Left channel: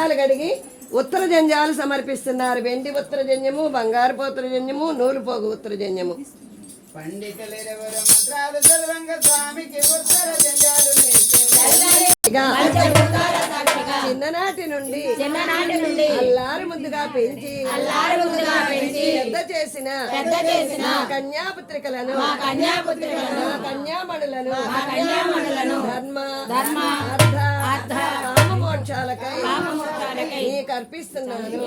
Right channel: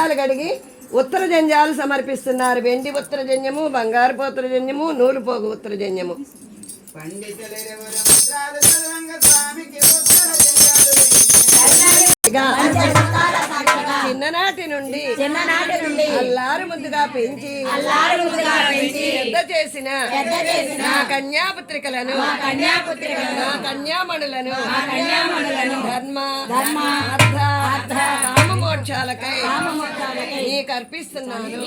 జంజాలు కడిగి ఉత్తర జంజాలు సమర్పిస్తున్నారు. వెండి ఉత్తర జంజము బంగారు ఉత్తర జంజము నూలు పోగు ఉత్తర జంజము చిన్ననాటి నుండి చిన్ననాటి నుండి అల్లారు ముద్దుగా పెంచి అల్లారు ముద్దుగా పెంచి పెద్ద చేసిన పెద్ద చేసిన నా కన్యాపుత్రికలను కన్యాపుత్రికలను నా కన్యామణులను కన్యామణులను ధర్మ ధర్మ అర్థ అర్థ కామమోక్షాలకై నీకు అర్పిస్తున్నాను.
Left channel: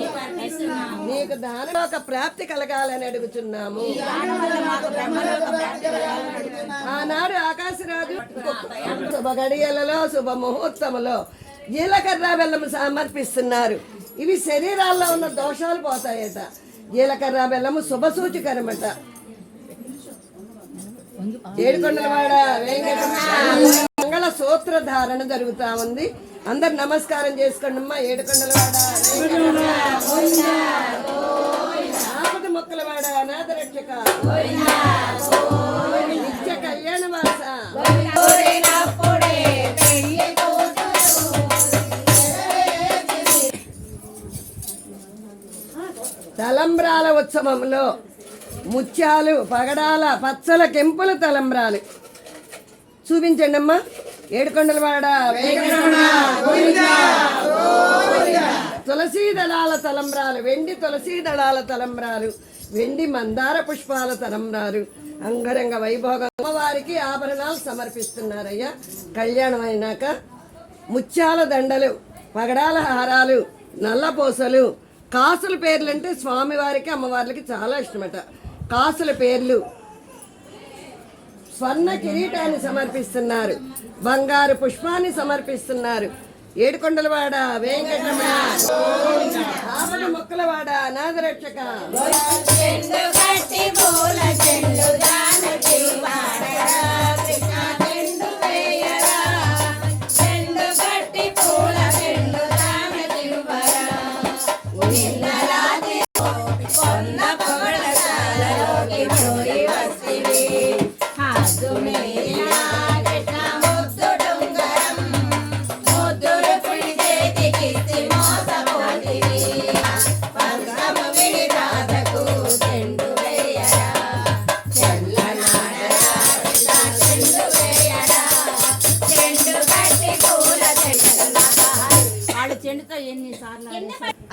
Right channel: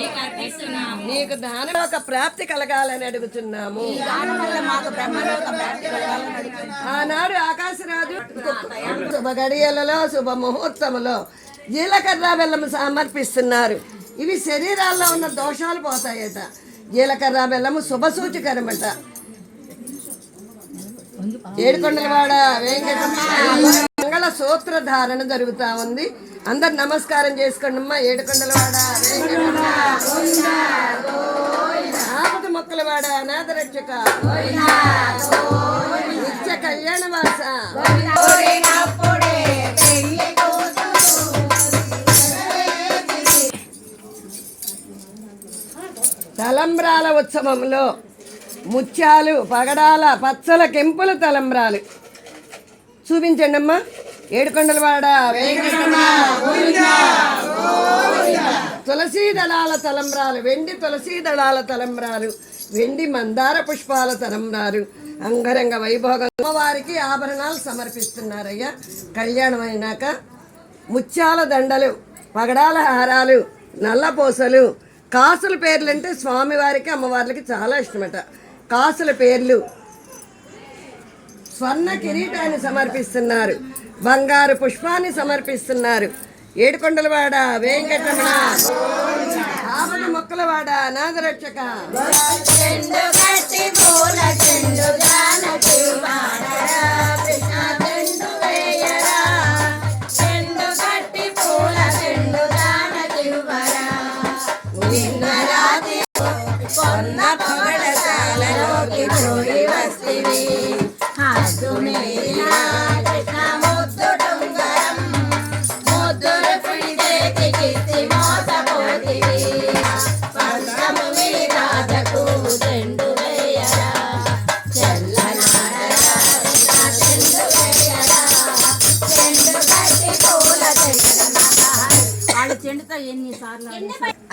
నీకు దానలోక ప్రాప్తి కలగాలని అడుగుతున్నాము. దాని బ్రహ్మలోక ప్రాప్తి కలగాలని అడుగుతున్నాము. ఆనాడు ఆకాశరాజు శుభ గడియలలో శుభ ముహూర్తములో జీలకర్ర బెల్లం సమర్పిస్తున్నారు. ఇవి శరీరాల్లో ఉన్న దోషాలు పోతాయట. జీలకర్ర బెల్లము శుభ సూచికరమట ఏడుకొండలవాడ వెంకటరమణ మంగళ సూత్ర ధారణ జరుగుతా ఉంది. అందరు నమస్కారం చేసుకోండి అమ్మా. ఏడుకొండలవాడ ఆపద మొక్కలవాడ అనాథ రక్షక నిత్య కళ్యాణ వాస. తలంబ్రాల ఉత్సవంలో ముత్యాలు పగడాల పచ్చల కెంపుల తలంబ్రాలు. చూపించండి అమ్మా ఏడుకొండలవాడ తులసీ దళాల తలంబ్రాలు వెండి తులసీ దళాల తలంబ్రాలు వెండి మందార పుష్పాల తలంబ్రాలు అంగరంగ వైభోగం అమ్మవారికి ఆభరణాలు సమర్పిస్తున్నారయ్యా. కళ్యాణం అయినాక ముత్యాల దండలు పగడాల హారాలు నల్లపూసలు కాసుల పేర్లు అంటే స్వామివారికి అమ్మవార్లకి చాలా ఇష్టమట. కాసుల పేర్లు స్వర్ణ కిరీటాన్ని సమర్పిస్తున్నారు. బంగారు పుష్పాన్ని సమర్పిస్తున్నారు. ఏడుకొండలవాడ వెంకటరమణ. ఆపద మొక్కలవాడ నాదరక్షక చెండు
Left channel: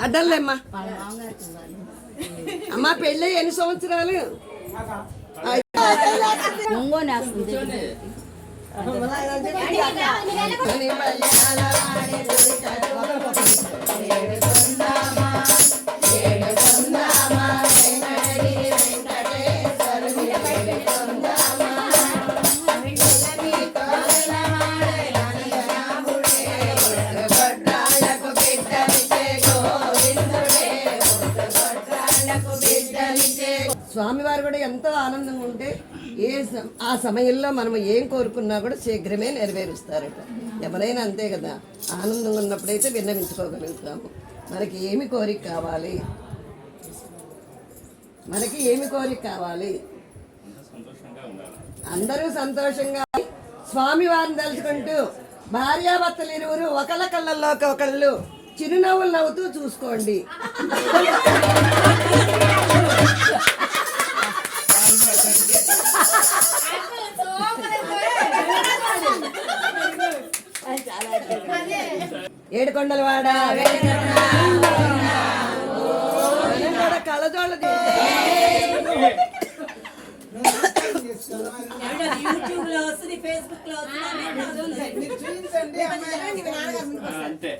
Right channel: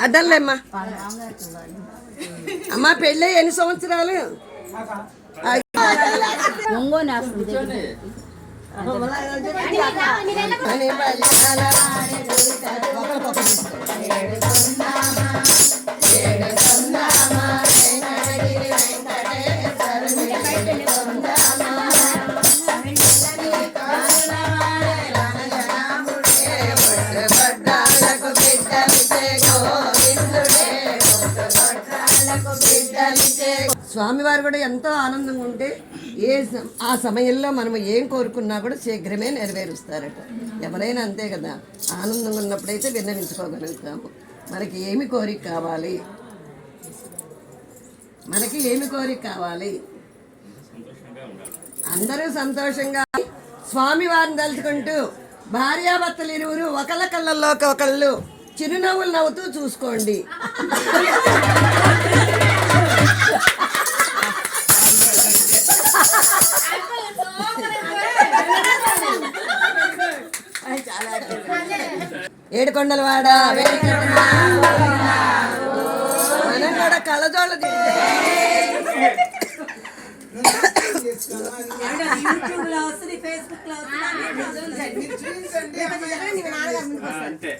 అడ్డలేమ్మా అమ్మా పెళ్ళి ఎన్ని సంవత్సరాలు? ఒంగోనేస్తుంది స్వామివారు కూడా ఎంతో ఆనందంగా ఉంటే ఏ ఆ సమయంలో మనం ఏం కోరుకున్నా కూడా శీఘ్రమే నెరవేరుస్తారట. ఎవరైనా అంతే కదా ఆనందంగా ఉన్నప్పుడైతే విన్నవించుకోగలుగుతాము. మనకి ఏమి కోరిక కావాలి? మనకి ఏమి కోరిక కావాలి? అందరూ సంతోషంగా స్వామివారిని తలుచుకుంటూ భార్యాభర్తలు ఇరువురు ఒకళ్ళ కళ్ళల్లోకి ఒకళ్ళు చిరునవ్వులు నవ్వుతూ చూసుకోండి. ఏడుకొండలవాడ. మనం కూడా అంతే.